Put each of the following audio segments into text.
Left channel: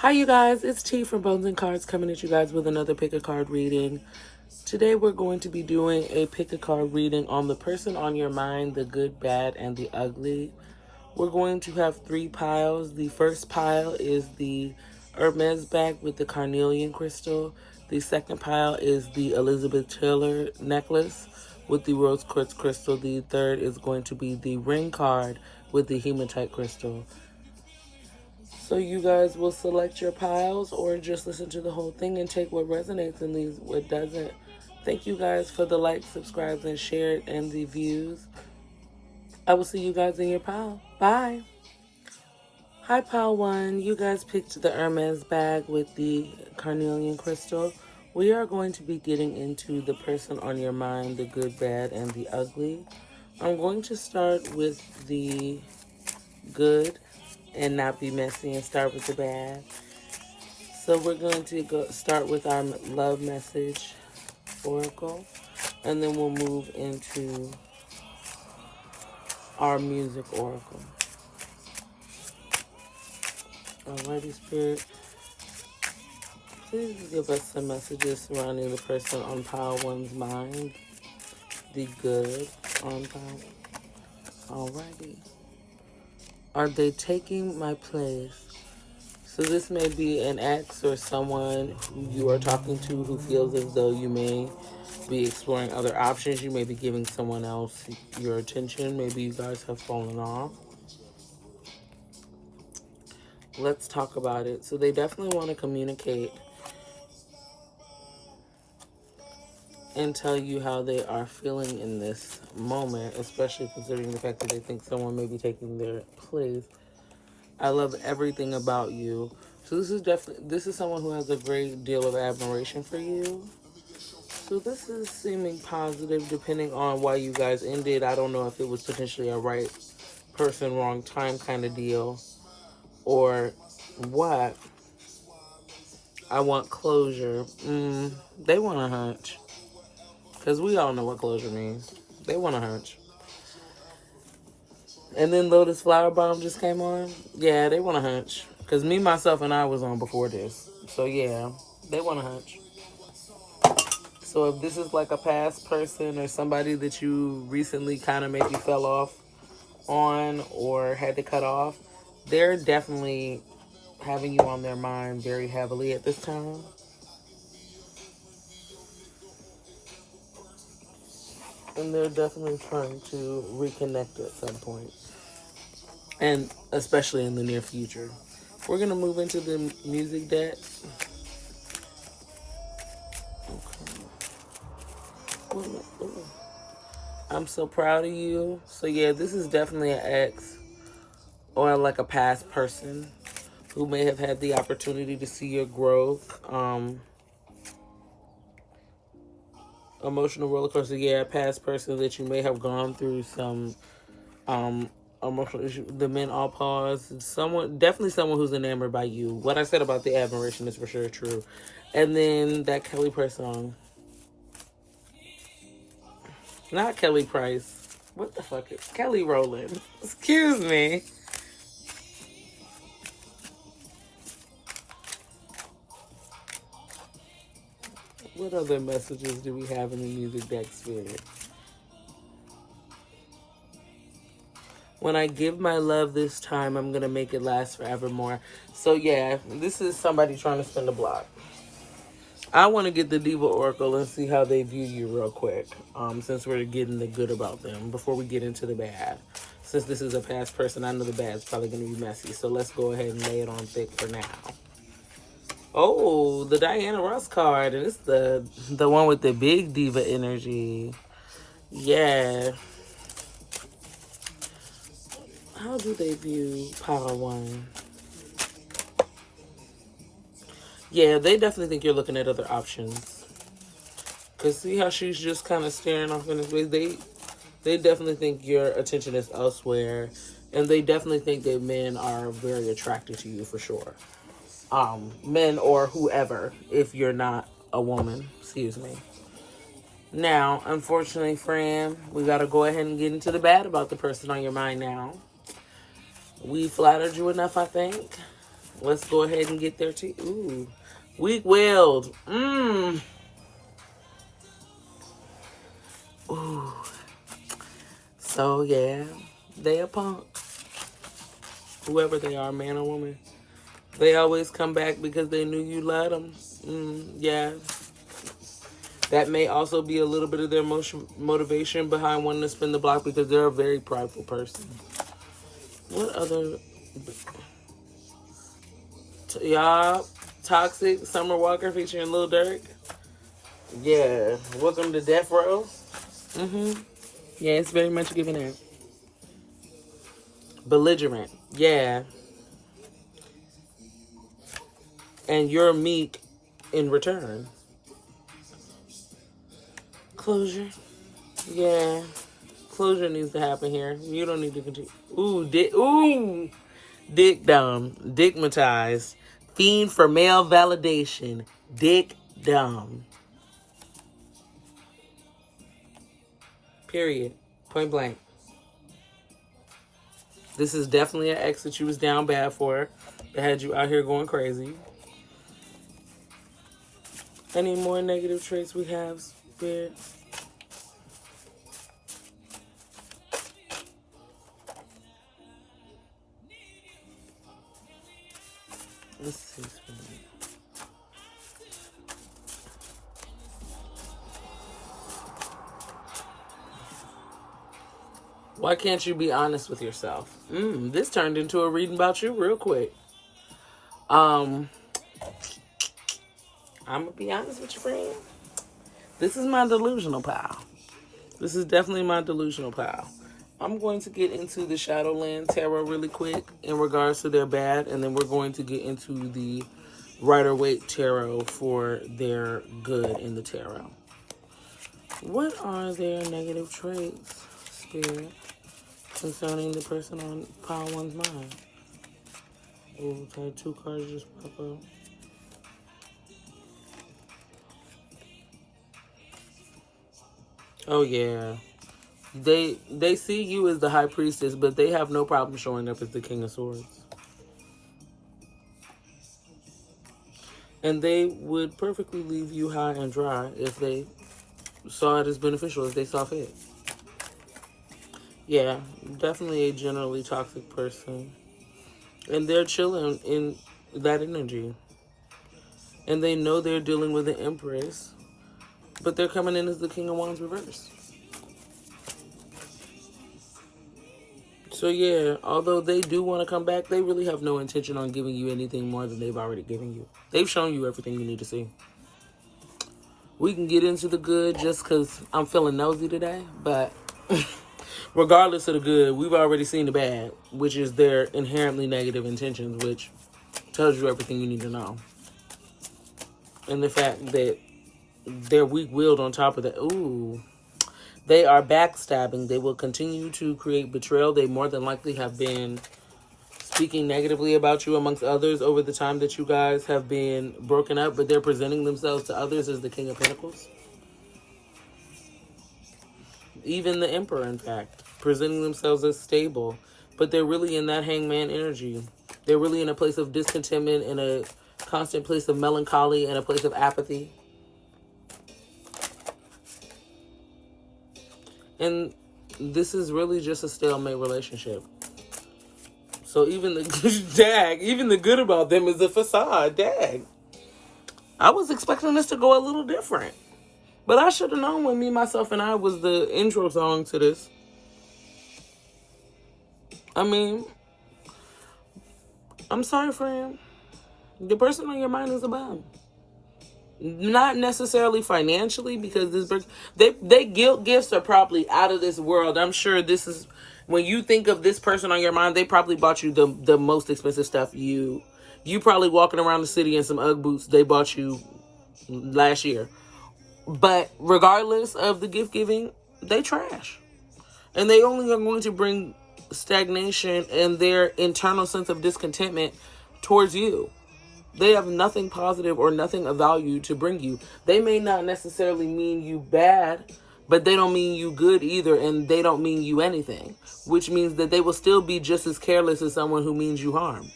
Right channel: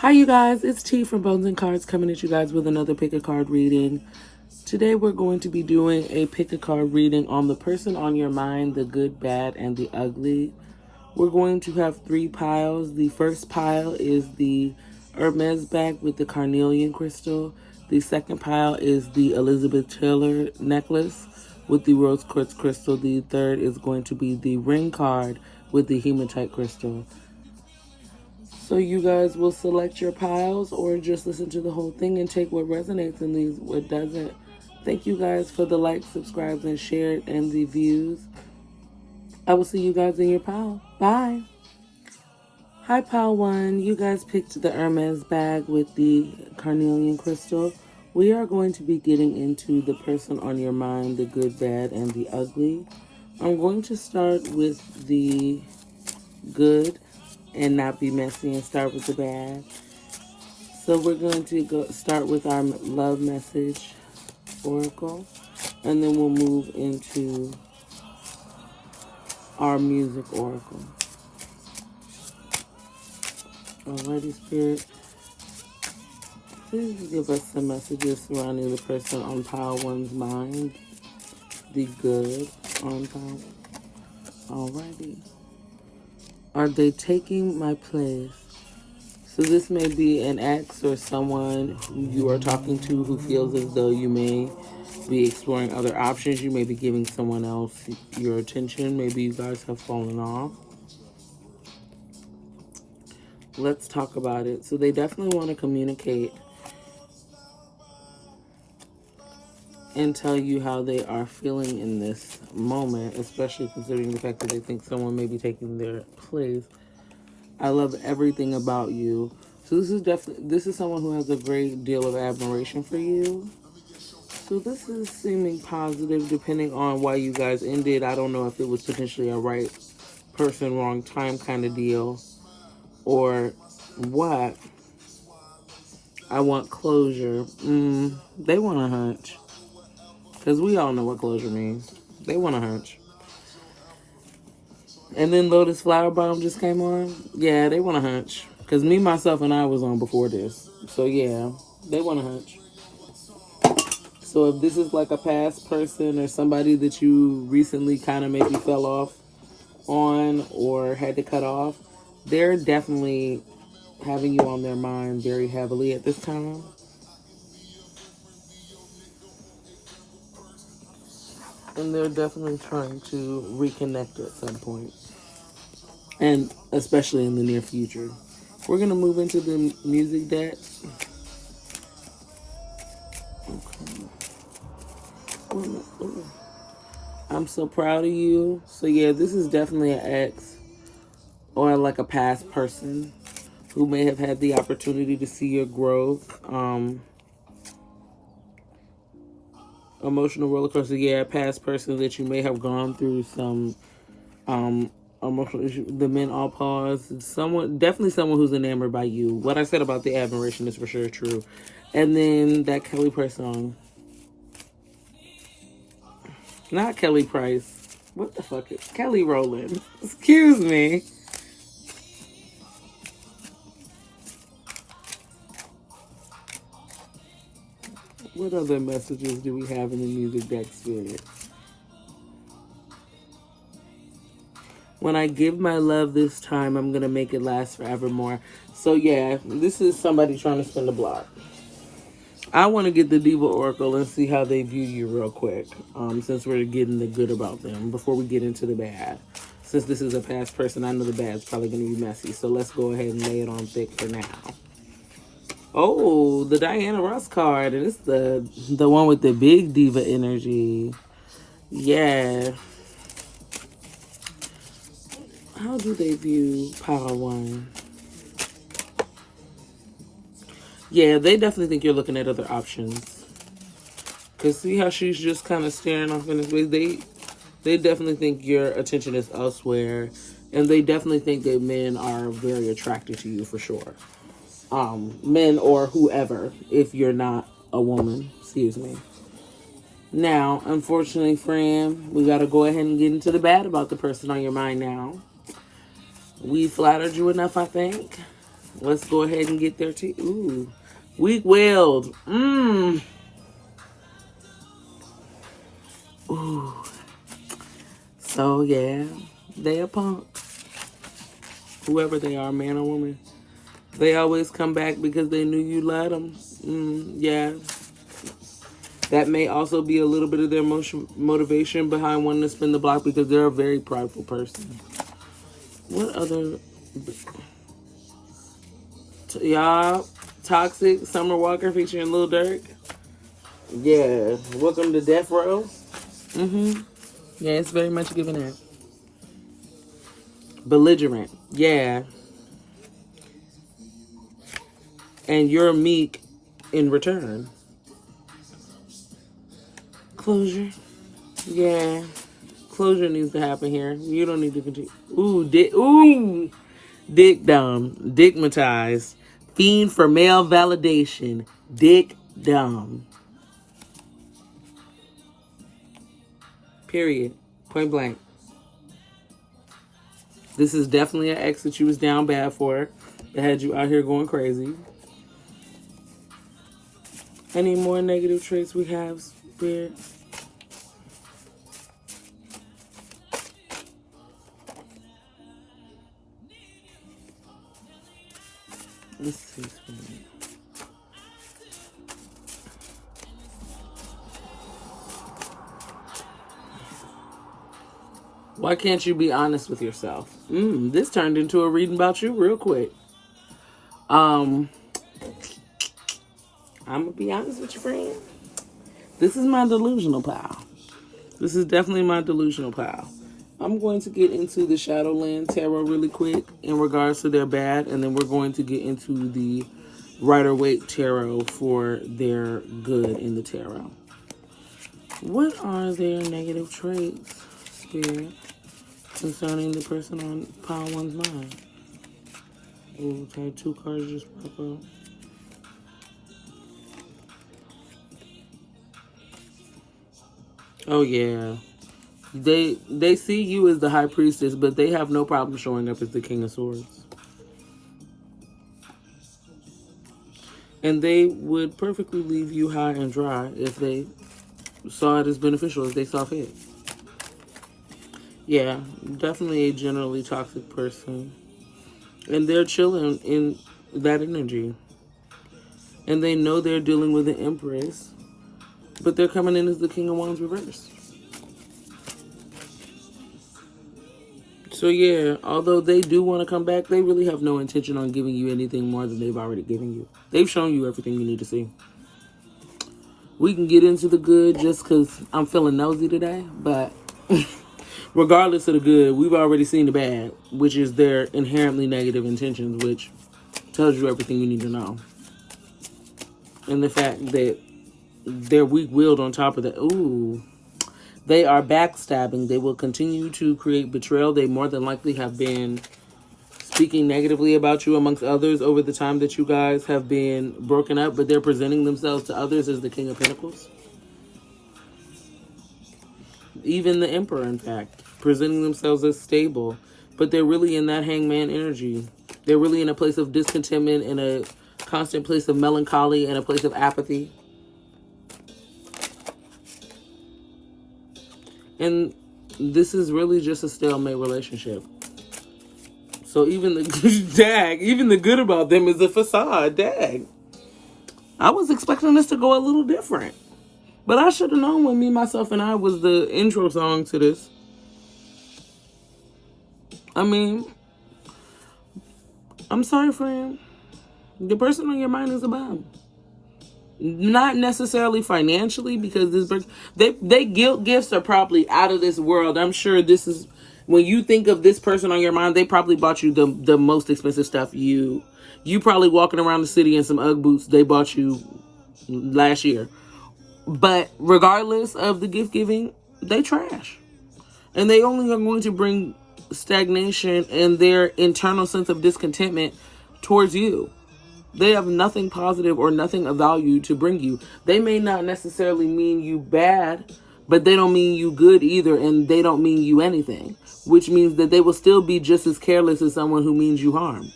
Hi you guys, it's T from Bones and Cards coming at you guys with another pick a card reading. Today we're going to be doing a pick a card reading on the person on your mind, the good, bad, and the ugly. We're going to have 3 piles. The first pile is the Hermes bag with the carnelian crystal. The second pile is the Elizabeth Taylor necklace with the rose quartz crystal. The third is going to be the ring card with the hematite crystal. So you guys will select your piles or just listen to the whole thing and take what resonates and leave what doesn't. Thank you guys for the likes, subscribes, and share and the views. I will see you guys in your pile. Bye. Hi, pile 1. You guys picked the Hermes bag with the carnelian crystal. We are going to be getting into the person on your mind, the good, bad, and the ugly. I'm going to start with the good and not be messy and start with the bad. So we're going to start with our love message oracle, and then we'll move into our music oracle. Alrighty, Spirit, please give us some messages surrounding the person on pile 1's mind, the good on pile. Alrighty. Are they taking my place? So this may be an ex or someone you are talking to who feels as though you may be exploring other options. You may be giving someone else your attention. Maybe you guys have fallen off. Let's talk about it. So they definitely want to communicate and tell you how they are feeling in this moment, especially considering the fact that they think someone may be taking their place. I love everything about you. So this is someone who has a great deal of admiration for you. So this is seeming positive depending on why you guys ended. I don't know if it was potentially a right person, wrong time kind of deal or what. I want closure. They want a hunch. Because we all know what closure means. They want a hunch. And then Lotus Flower Bomb just came on. Yeah, they want a hunch. Because me, myself, and I was on before this. So yeah, they want a hunch. So if this is like a past person or somebody that you recently kind of maybe fell off on or had to cut off, they're definitely having you on their mind very heavily at this time. And they're definitely trying to reconnect at some point. And especially in the near future. We're going to move into the music deck. Okay. Ooh. I'm so proud of you. So yeah, this is definitely an ex or like a past person who may have had the opportunity to see your growth. Emotional roller coaster. Yeah, past person that you may have gone through some emotional issue. The men all pause. Definitely someone who's enamored by you. What I said about the admiration is for sure true. And then that Kelly Price song. Not Kelly Price. What the fuck is Kelly Rowland? Excuse me. What other messages do we have in the music deck, Spirit? When I give my love this time, I'm going to make it last forevermore. So yeah, this is somebody trying to spin the block. I want to get the Diva Oracle and see how they view you real quick. Since we're getting the good about them before we get into the bad. Since this is a past person, I know the bad's probably going to be messy. So let's go ahead and lay it on thick for now. Oh, the Diana Ross card. And it's the one with the big diva energy. Yeah. How do they view Power 1? Yeah, they definitely think you're looking at other options. Because see how she's just kind of staring off in his face? They definitely think your attention is elsewhere. And they definitely think that men are very attracted to you for sure. Men or whoever, if you're not a woman. Excuse me. Now, unfortunately, friend, we got to go ahead and get into the bad about the person on your mind now. We flattered you enough, I think. Let's go ahead and get there too. Ooh. Weak-willed. Ooh. So, yeah. They a punk. Whoever they are, man or woman. They always come back because they knew you let them. Yeah. That may also be a little bit of their motivation behind wanting to spin the block because they're a very prideful person. What other... Y'all, Toxic, Summer Walker featuring Lil Durk. Yeah. Welcome to Death Row. Yeah, it's very much giving that. Belligerent. Yeah. And you're meek in return. Closure. Yeah. Closure needs to happen here. You don't need to continue. Ooh. Dick dumb. Dickmatized. Fiend for male validation. Dick dumb. Period. Point blank. This is definitely an ex that you was down bad for. That had you out here going crazy. Any more negative traits we have, Spirit? Let's see. Why can't you be honest with yourself? This turned into a reading about you real quick. I'm gonna be honest with you, friend. This is my delusional pal. This is definitely my delusional pal. I'm going to get into the Shadowland Tarot really quick in regards to their bad, and then we're going to get into the Rider-Waite Tarot for their good in the tarot. What are their negative traits, Spirit, concerning the person on Pile One's mind? Ooh, had 2 cards just pop up. Oh, yeah. They see you as the High Priestess, but they have no problem showing up as the King of Swords. And they would perfectly leave you high and dry if they saw it as beneficial, if they saw fit. Yeah, definitely a generally toxic person. And they're chilling in that energy. And they know they're dealing with an Empress, but they're coming in as the King of Wands reversed. So yeah, although they do want to come back, they really have no intention on giving you anything more than they've already given you. They've shown you everything you need to see. We can get into the good just because I'm feeling nosy today, but regardless of the good, we've already seen the bad, which is their inherently negative intentions, which tells you everything you need to know. And the fact that they're weak-willed on top of that. Ooh. They are backstabbing. They will continue to create betrayal. They more than likely have been speaking negatively about you amongst others over the time that you guys have been broken up, but they're presenting themselves to others as the King of Pentacles. Even the Emperor, in fact, presenting themselves as stable, but they're really in that hangman energy. They're really in a place of discontentment, in a constant place of melancholy, and a place of apathy. And this is really just a stalemate relationship. So even the good about them is a facade. I was expecting this to go a little different. But I should have known when Me, Myself, and I was the intro song to this. I mean, I'm sorry, friend. The person on your mind is a bum. Not necessarily financially, because this person, they guilt gifts are probably out of this world. I'm sure this is, when you think of this person on your mind, they probably bought you the most expensive stuff. You probably walking around the city in some UGG boots they bought you last year. But regardless of the gift giving, they trash. And they only are going to bring stagnation and their internal sense of discontentment towards you. They have nothing positive or nothing of value to bring you. They may not necessarily mean you bad, but they don't mean you good either, and they don't mean you anything, which means that they will still be just as careless as someone who means you harm.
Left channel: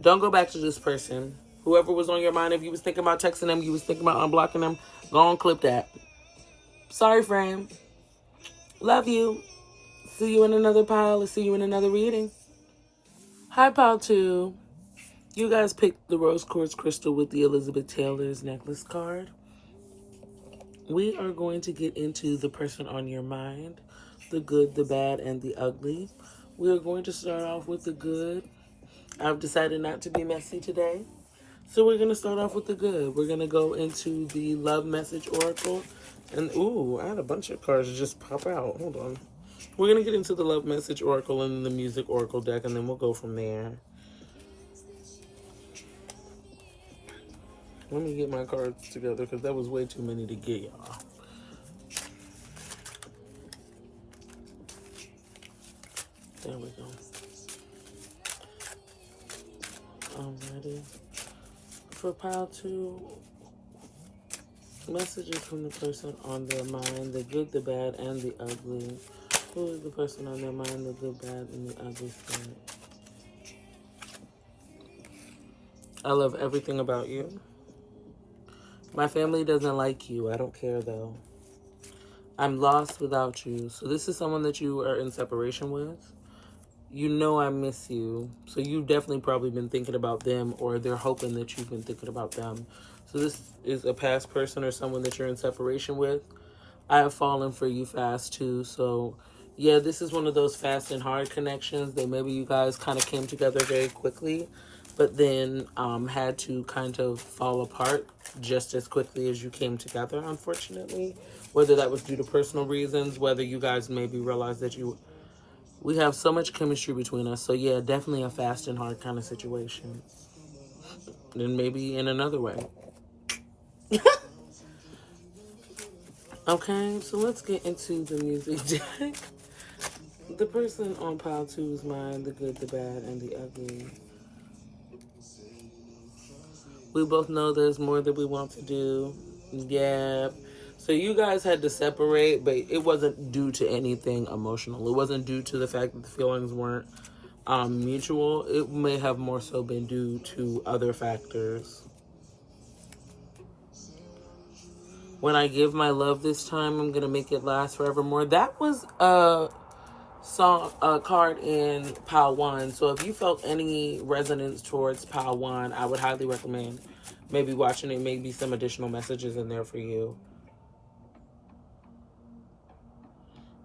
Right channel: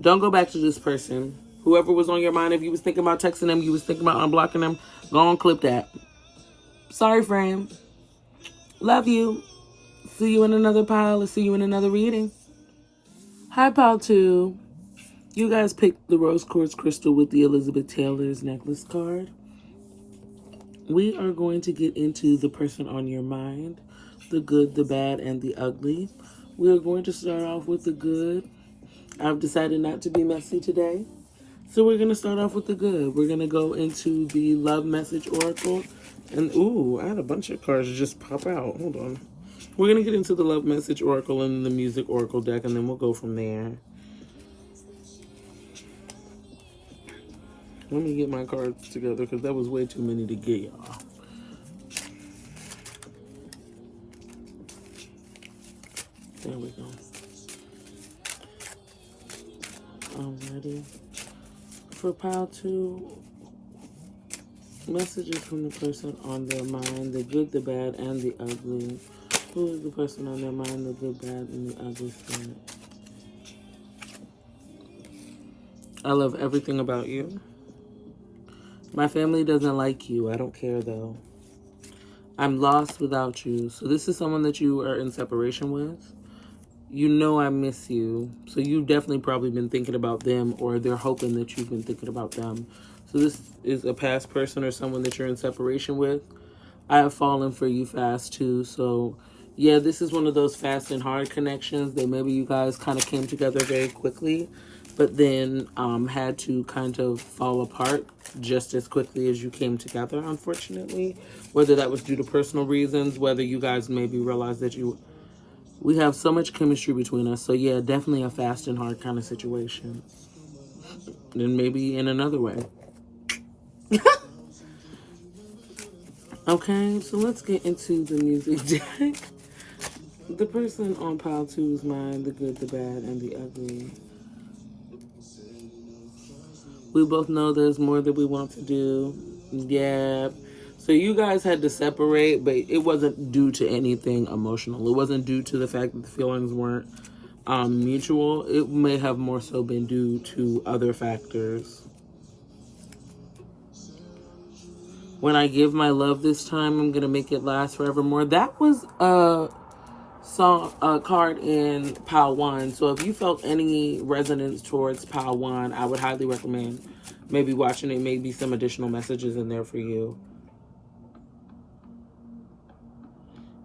Don't go back to this person. Whoever was on your mind, if you was thinking about texting them, you was thinking about unblocking them, go on, clip that. Sorry, friend. Love you. See you in another pile. See you in another reading. Hi, pile 2. You guys picked the rose quartz crystal with the Elizabeth Taylor's necklace card. We are going to get into the person on your mind, the good, the bad, and the ugly. We're going to start off with the good. I've decided not to be messy today. So we're going to start off with the good. We're going to go into the love message oracle. And, ooh, I had a bunch of cards just pop out. Hold on. We're going to get into the love message oracle and the music oracle deck, and then we'll go from there. Let me get my cards together because that was way too many to get, y'all. There we go. Alrighty. For pile 2, messages from the person on their mind, the good, the bad, and the ugly. Who is the person on their mind, the good, bad, and the ugly spirit? I love everything about you. My family doesn't like you. I don't care, though. I'm lost without you. So this is someone that you are in separation with. You know I miss you. So you've definitely probably been thinking about them, or they're hoping that you've been thinking about them. So this is a past person or someone that you're in separation with. I have fallen for you fast, too. So, yeah, this is one of those fast and hard connections that maybe you guys kind of came together very quickly, but then had to kind of fall apart just as quickly as you came together, unfortunately. Whether that was due to personal reasons, whether you guys maybe realized that we have so much chemistry between us. So, yeah, definitely a fast and hard kind of situation. And maybe in another way. Okay, so let's get into the music deck. The person on pile 2's mind, the good, the bad, and the ugly. We both know there's more that we want to do. Yeah. So you guys had to separate, but it wasn't due to anything emotional. It wasn't due to the fact that the feelings weren't mutual. It may have more so been due to other factors. When I give my love this time, I'm going to make it last forevermore. That was a card in pile 1. So if you felt any resonance towards pile 1, I would highly recommend maybe watching it. Maybe some additional messages in there for you.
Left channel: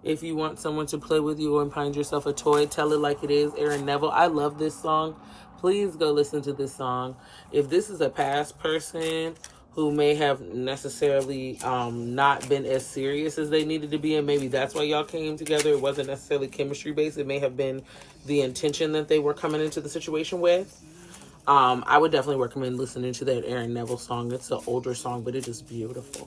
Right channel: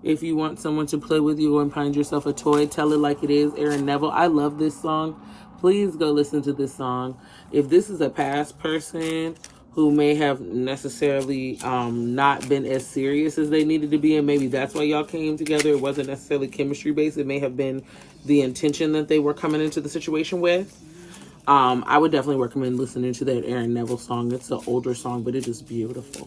If you want someone to play with you and find yourself a toy, tell it like it is. Aaron Neville. I love this song. Please go listen to this song. If this is a past person who may have necessarily not been as serious as they needed to be, and maybe that's why y'all came together. It wasn't necessarily chemistry based. It may have been the intention that they were coming into the situation with. I would definitely recommend listening to that Aaron Neville song. It's an older song, but it is beautiful.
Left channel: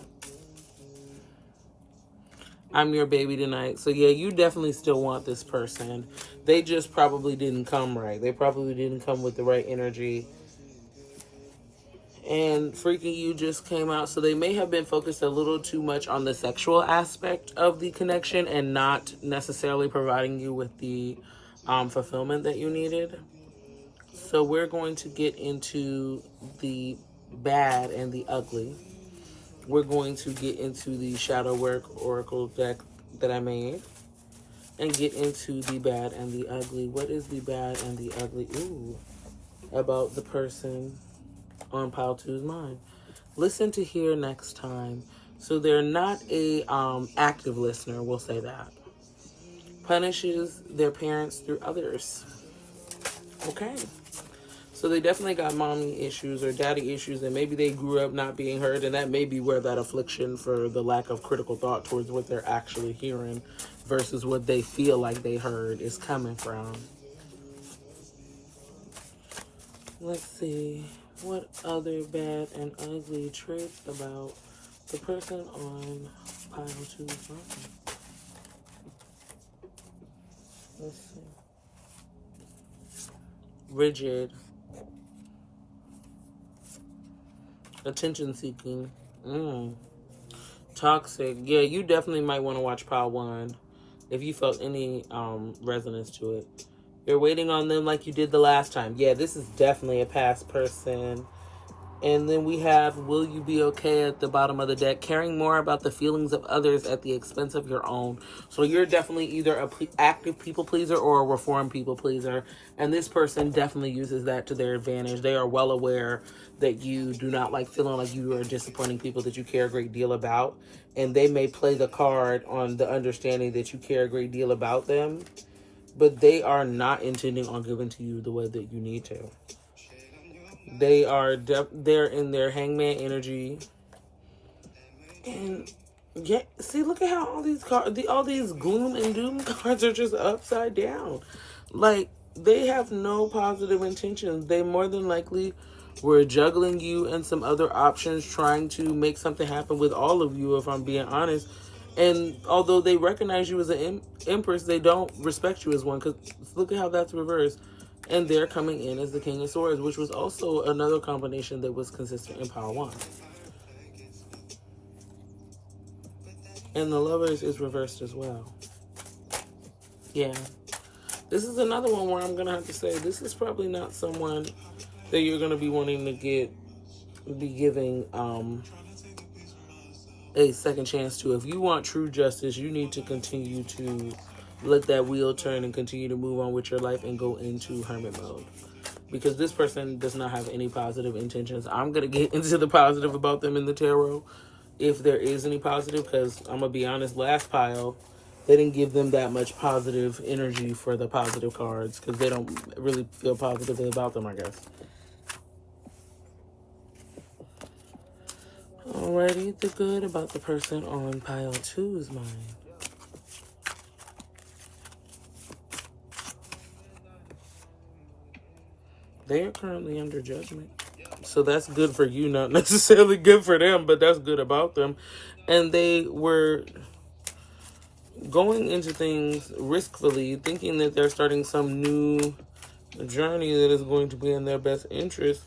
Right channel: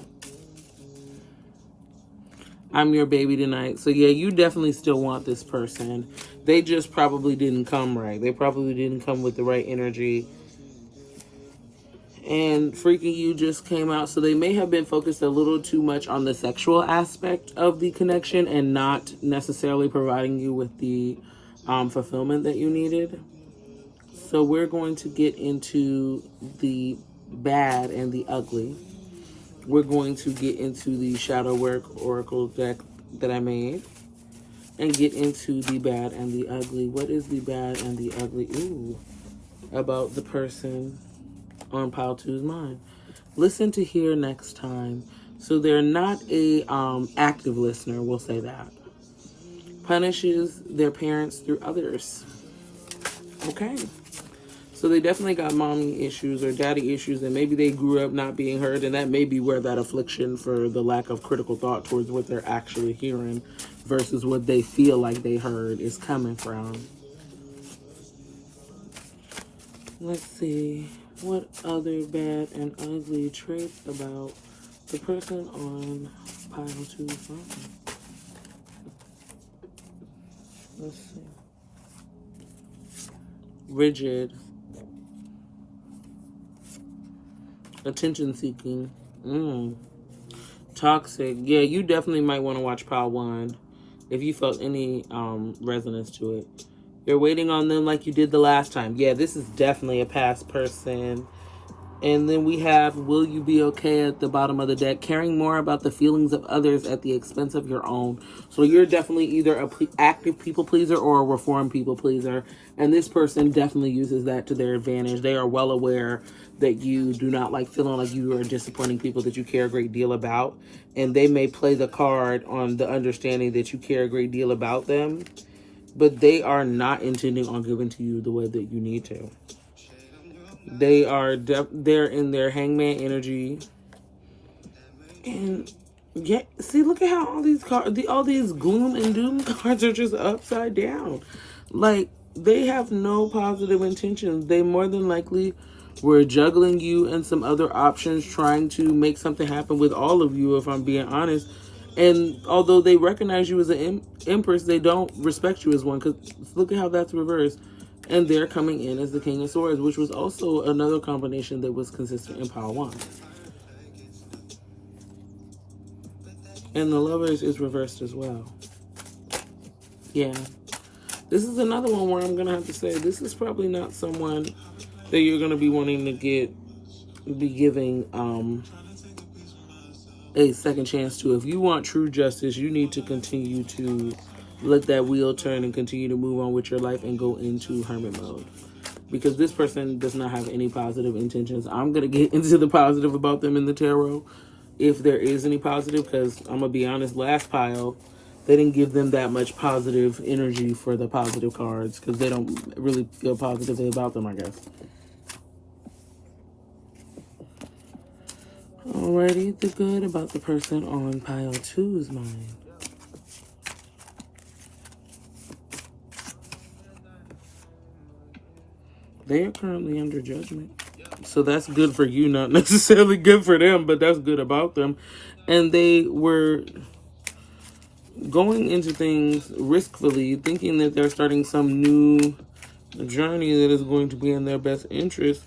I'm your baby tonight. So yeah, you definitely still want this person. They just probably didn't come right. They probably didn't come with the right energy. And Freaky You just came out, so they may have been focused a little too much on the sexual aspect of the connection and not necessarily providing you with the fulfillment that you needed. So we're going to get into the bad and the ugly. We're going to get into the shadow work oracle deck that I made and get into the bad and the ugly. What is the bad and the ugly? Ooh, about the person on pile 2's mind. Listen to hear next time. So they're not a active listener, we'll say that. Punishes their parents through others. Okay. So they definitely got mommy issues or daddy issues, and maybe they grew up not being heard, and that may be where that affliction for the lack of critical thought towards what they're actually hearing versus what they feel like they heard is coming from. Let's see. What other bad and ugly traits about the person on pile 2's mind? Let's see. Rigid. Attention seeking. Toxic. Yeah, you definitely might want to watch pile 1 if you felt any resonance to it. You're waiting on them like you did the last time. Yeah, this is definitely a past person. And then we have, will you be okay at the bottom of the deck? Caring more about the feelings of others at the expense of your own. So you're definitely either an active people pleaser or a reformed people pleaser. And this person definitely uses that to their advantage. They are well aware that you do not like feeling like you are disappointing people that you care a great deal about. And they may play the card on the understanding that you care a great deal about them. But they are not intending on giving to you the way that you need to. They are they're in their hangman energy, and yeah, see, look at how all these cards, all these gloom and doom cards are just upside down. Like, they have no positive intentions. They more than likely were juggling you and some other options, trying to make something happen with all of you, if I'm being honest. And although they recognize you as an empress, they don't respect you as one, because look at how that's reversed. And they're coming in as the King of Swords, which was also another combination that was consistent in Pile 1. And the Lovers is reversed as well. Yeah. This is another one where I'm going to have to say this is probably not someone that you're going to be wanting to be giving a second chance to. If you want true justice, you need to continue to let that wheel turn and continue to move on with your life and go into hermit mode. Because this person does not have any positive intentions. I'm going to get into the positive about them in the tarot, if there is any positive, because I'm going to be honest, last pile, they didn't give them that much positive energy for the positive cards, because they don't really feel positively about them, I guess. Alrighty, the good about the person on pile 2's mind. They are currently under judgment. So that's good for you, not necessarily good for them, but that's good about them. And they were going into things riskfully, thinking that they're starting some new journey that is going to be in their best interest,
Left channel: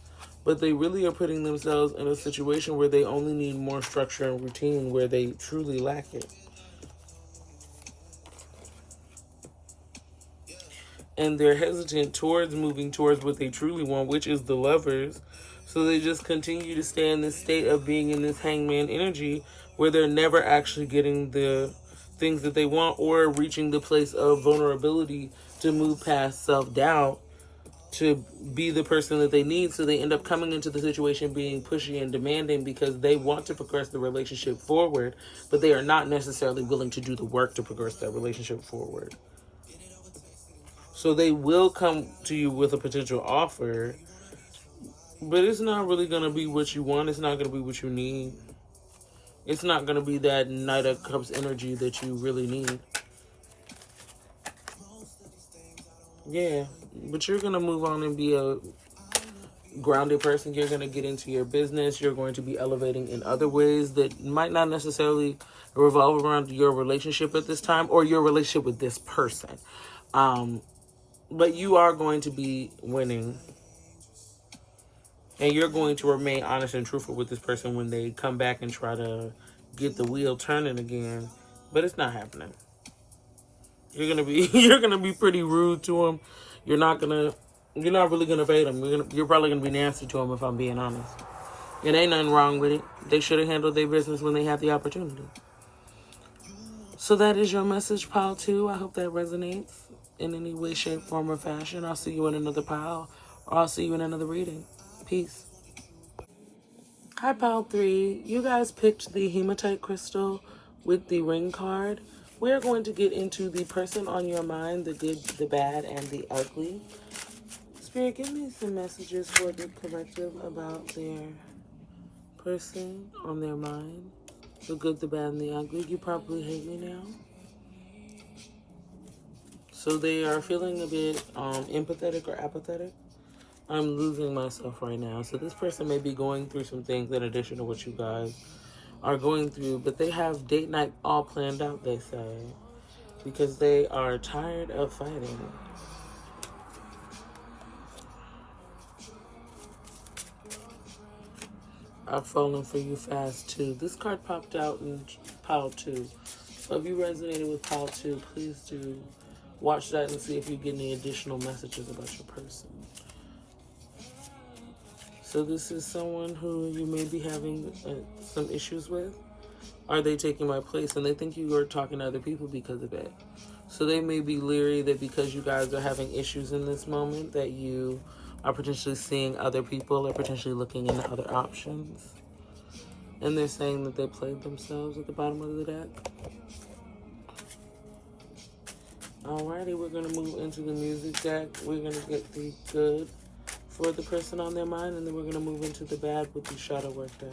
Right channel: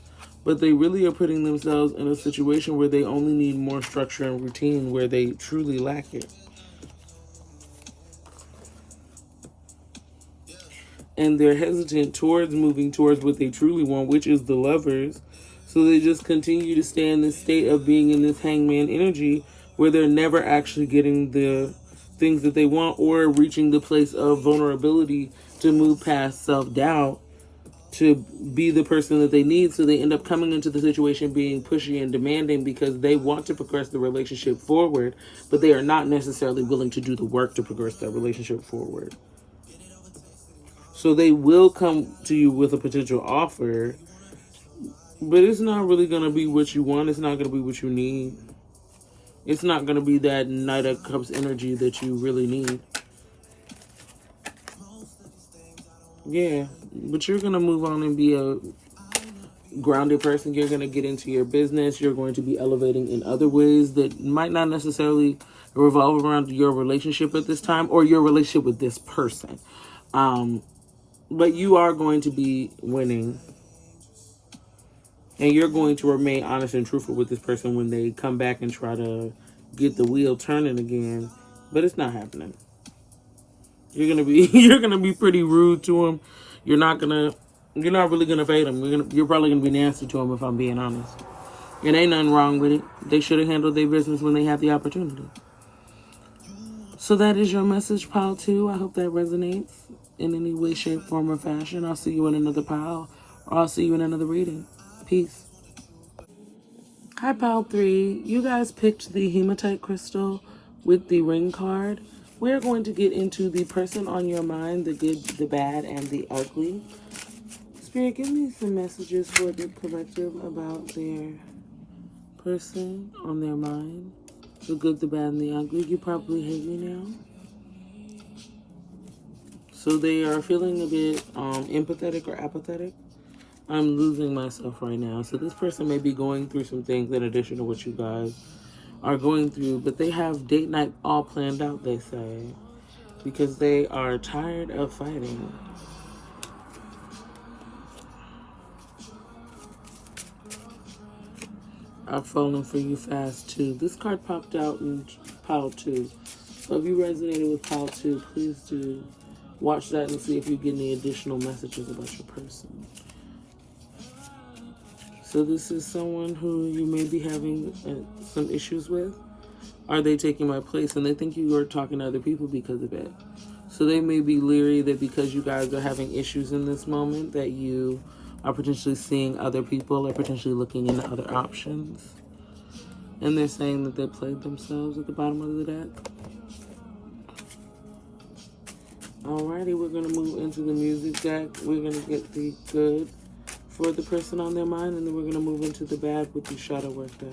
but they really are putting themselves in a situation where they only need more structure and routine, where they truly lack it. And they're hesitant towards moving towards what they truly want, which is the Lovers. So they just continue to stay in this state of being in this hangman energy, where they're never actually getting the things that they want or reaching the place of vulnerability to move past self-doubt to be the person that they need. So they end up coming into the situation being pushy and demanding because they want to progress the relationship forward, but they are not necessarily willing to do the work to progress that relationship forward. So they will come to you with a potential offer, but it's not really going to be what you want. It's not going to be what you need. It's not going to be that Knight of Cups energy that you really need. Yeah, but you're going to move on and be a grounded person. You're going to get into your business. You're going to be elevating in other ways that might not necessarily revolve around your relationship at this time or your relationship with this person. But you are going to be winning. And you're going to remain honest and truthful with this person when they come back and try to get the wheel turning again. But it's not happening. You're gonna be pretty rude to them. You're not really gonna fade them. You're probably gonna be nasty to them, if I'm being honest. And ain't nothing wrong with it. They should have handled their business when they had the opportunity. So that is your message, pile 2. I hope that resonates in any way, shape, form, or fashion. I'll see you in another pile, or I'll see you in another reading. Peace. Hi, pile 3. You guys picked the hematite crystal with the ring card. We're going to get into the person on your mind, the good, the bad, and the ugly. Spirit, give me some messages for the collective about their person on their mind. The good, the bad, and the ugly. You probably hate me now. So they are feeling a bit empathetic or apathetic. I'm losing myself right now. So this person may be going through some things in addition to what you guys are going through, but they have date night all planned out, they say, because they are tired of fighting. I've fallen for you fast too. This card popped out in pile 2. So if you resonated with pile 2, please do Watch that and see if you get any additional messages about your person. So this is someone who you may be having some issues with. Are they taking my place? And they think you are talking to other people because of it. So they may be leery that because you guys are having issues in this moment, that you are potentially seeing other people or potentially looking into other options. And they're saying that they played themselves at the bottom of the deck. Alrighty, we're going to move into the music deck. We're going to get the good for the person on their mind, and then we're going to move into the bad with the shadow work deck.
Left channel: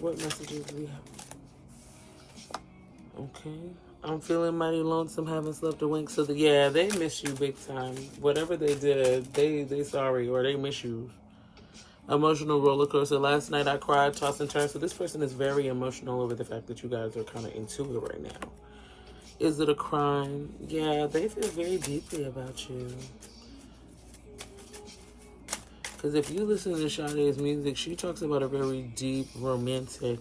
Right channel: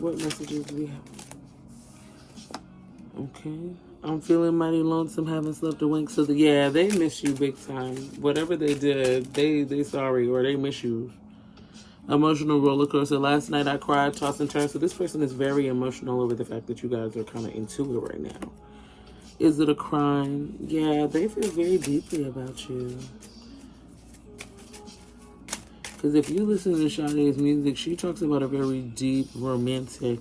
What messages do we have? Okay. I'm feeling mighty lonesome, haven't slept a wink. So, yeah, they miss you big time. Whatever they did, they sorry, or they miss you. Emotional roller coaster. Last night I cried, tossed and turned. So this person is very emotional over the fact that you guys are kind of into it right now. Is it a crime? Yeah, they feel very deeply about you. Because if you listen to Sade's music, she talks about a very deep, romantic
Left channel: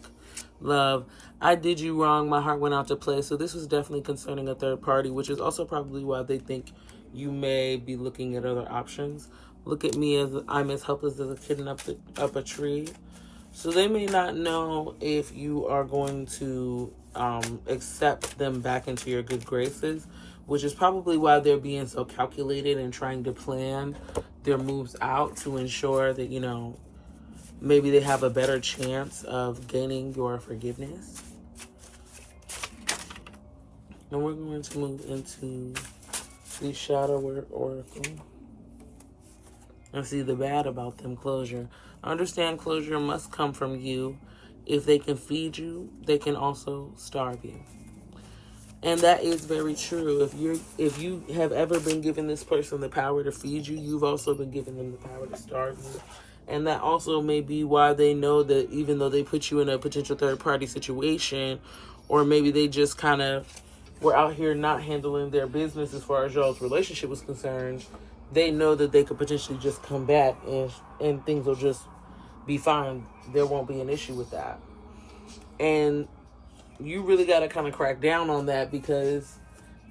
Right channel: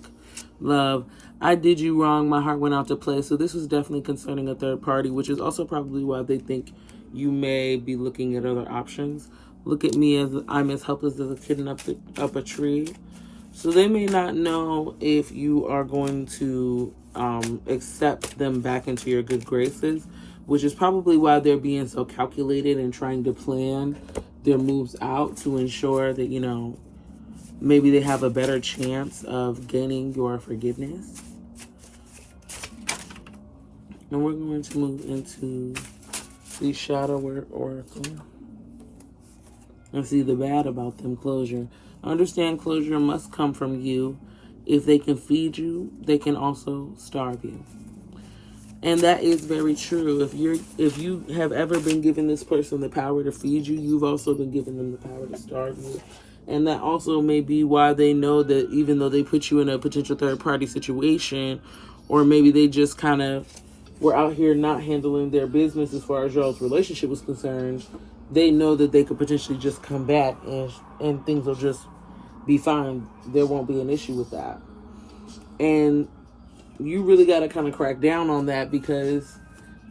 love. I did you wrong. My heart went out to play. So this was definitely concerning a third party, which is also probably why they think you may be looking at other options. Look at me as I'm as helpless as a kitten up a tree. So they may not know if you are going to accept them back into your good graces, which is probably why they're being so calculated and trying to plan their moves out to ensure that, you know, maybe they have a better chance of gaining your forgiveness. And we're going to move into the shadow oracle. And see the bad about them. Closure. Understand closure must come from you. If they can feed you, they can also starve you. And that is very true. If you have ever been given this person the power to feed you, you've also been given them the power to starve you. And that also may be why they know that even though they put you in a potential third-party situation, or maybe they just kind of were out here not handling their business as far as y'all's relationship was concerned, they know that they could potentially just come back and things will just be fine. There won't be an issue with that. And you really got to kind of crack down on that, because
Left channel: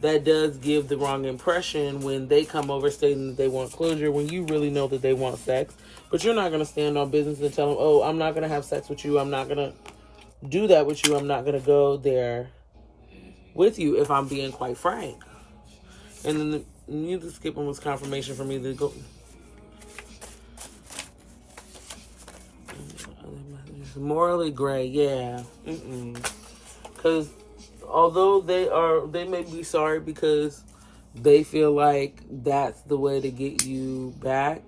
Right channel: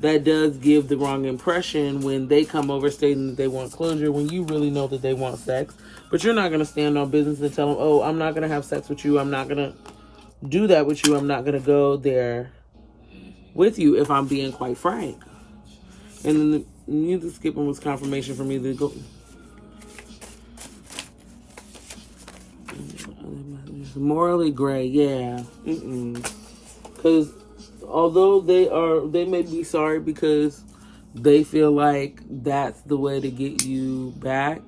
that does give the wrong impression when they come over stating that they want closure, when you really know that they want sex. But you're not going to stand on business and tell them, oh, I'm not going to have sex with you. I'm not going to do that with you. I'm not going to go there with you, if I'm being quite frank. And then the music skipping was confirmation for me to go. Morally gray, yeah. Because although they may be sorry because they feel like that's the way to get you back.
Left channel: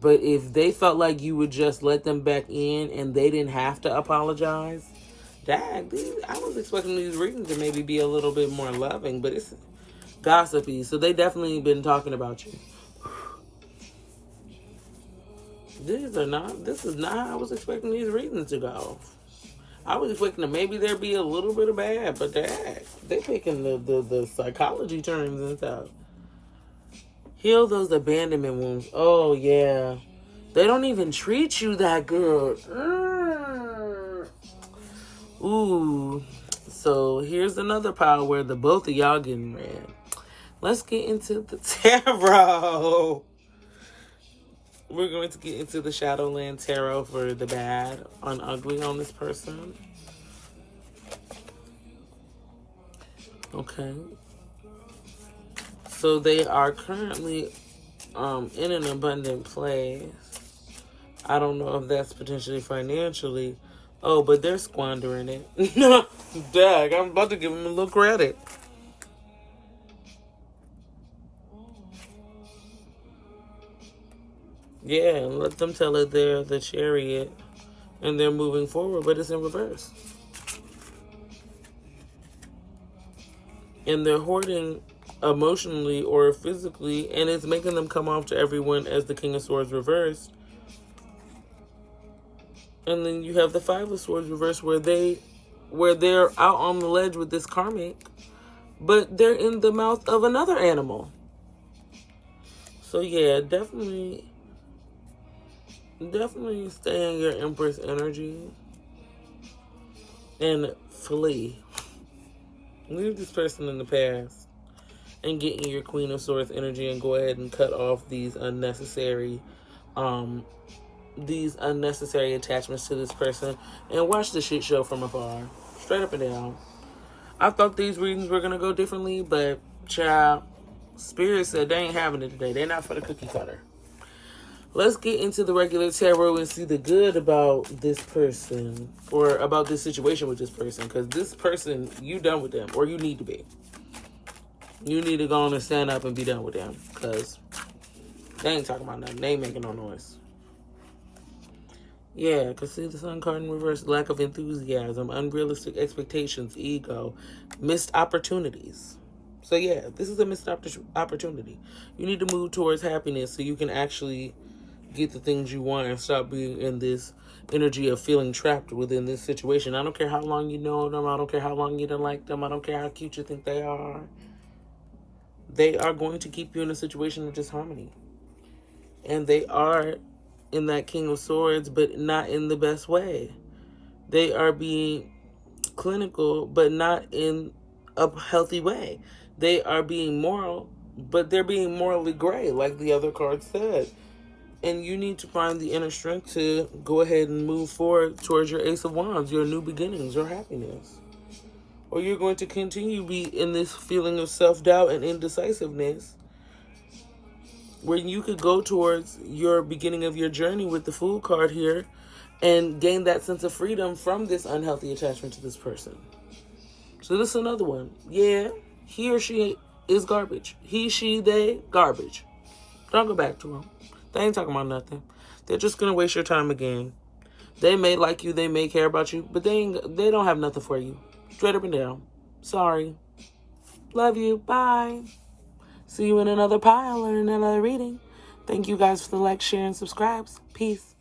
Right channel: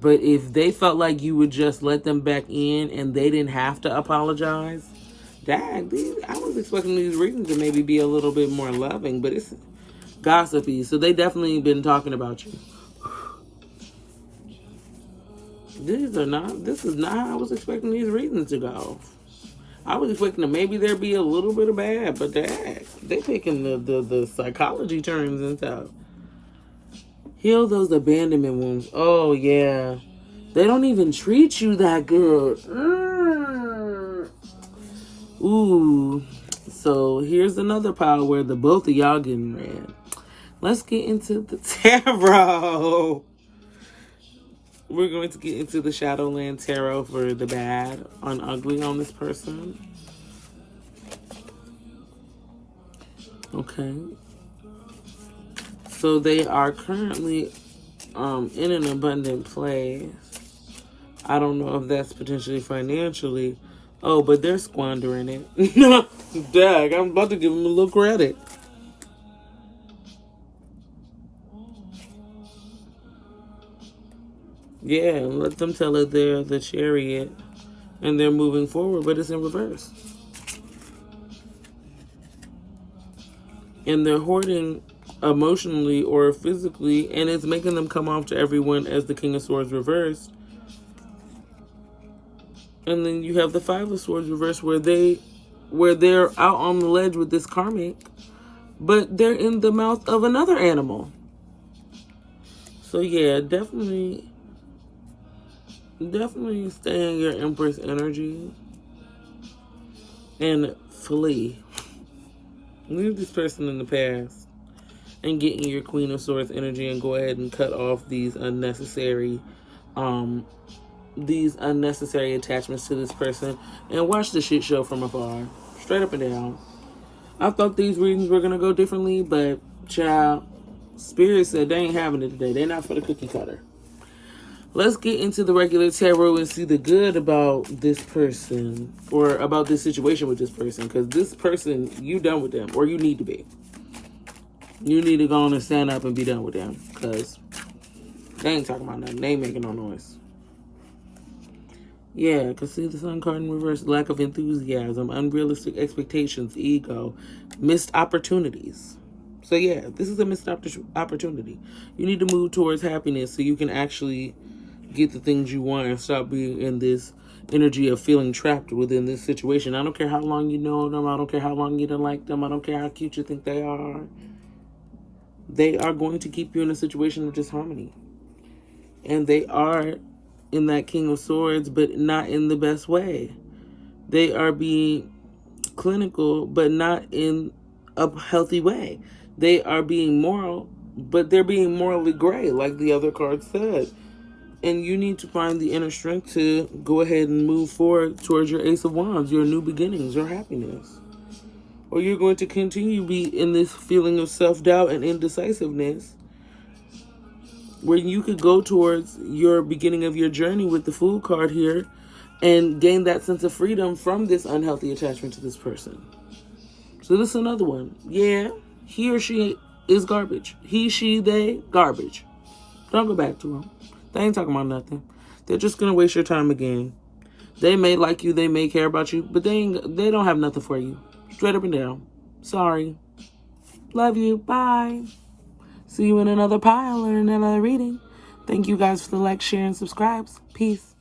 But if they felt like you would just let them back in and they didn't have to apologize, dang, I was expecting these readings to maybe be a little bit more loving, but it's gossipy. So they definitely been talking about you. This is not how I was expecting these readings to go. I was expecting to maybe there be a little bit of bad, but they picking the psychology terms and stuff. Heal those abandonment wounds. Oh, yeah. They don't even treat you that good. Ooh. So here's another pile where the both of y'all getting mad. Let's get into the tarot. We're going to get into the Shadowland Tarot for the bad on ugly on this person. Okay. So they are currently in an abundant place. I don't know if that's potentially financially. Oh, but they're squandering it. Dag, I'm about to give them a little credit. Yeah, let them tell it they're the Chariot and they're moving forward, but it's in reverse. And they're hoarding emotionally or physically, and it's making them come off to everyone as the King of Swords reversed. And then you have the Five of Swords reversed, where they're out on the ledge with this karmic, but they're in the mouth of another animal. So yeah, definitely stay in your Empress energy and flee. Leave this person in the past and get in your Queen of Swords energy and go ahead and cut off these unnecessary attachments to this person and watch the shit show from afar. Straight up and down. I thought these readings were gonna go differently, but child, Spirit said they ain't having it today. They're not for the cookie cutter. Let's get into the regular tarot and see the good about this person or about this situation with this person. Because this person, you done with them, or you need to be. You need to go on and stand up and be done with them. Because they ain't talking about nothing. They ain't making no noise. Yeah, because see the Sun card in reverse. Lack of enthusiasm, unrealistic expectations, ego, missed opportunities. So yeah, this is a missed opportunity. You need to move towards happiness so you can actually get the things you want and stop being in this energy of feeling trapped within this situation. I don't care how long you know them. I don't care how long you don't like them. I don't care how cute you think they are. They are going to keep you in a situation of disharmony. And they are in that King of Swords, but not in the best way. They are being clinical, but not in a healthy way. They are being moral, but they're being morally gray, like the other card said. And you need to find the inner strength to go ahead and move forward towards your Ace of Wands, your new beginnings, your happiness. Or you're going to continue to be in this feeling of self-doubt and indecisiveness where you could go towards your beginning of your journey with the Fool card here and gain that sense of freedom from this unhealthy attachment to this person. So this is another one. Yeah, he or she is garbage. He, she, they, garbage. Don't go back to them. They ain't talking about nothing. They're just gonna waste your time again. They may like you, they may care about you, but they don't have nothing for you. Straight up and down. Sorry. Love you. Bye. See you in another pile or in another reading. Thank you guys for the like, share, and subscribes. Peace.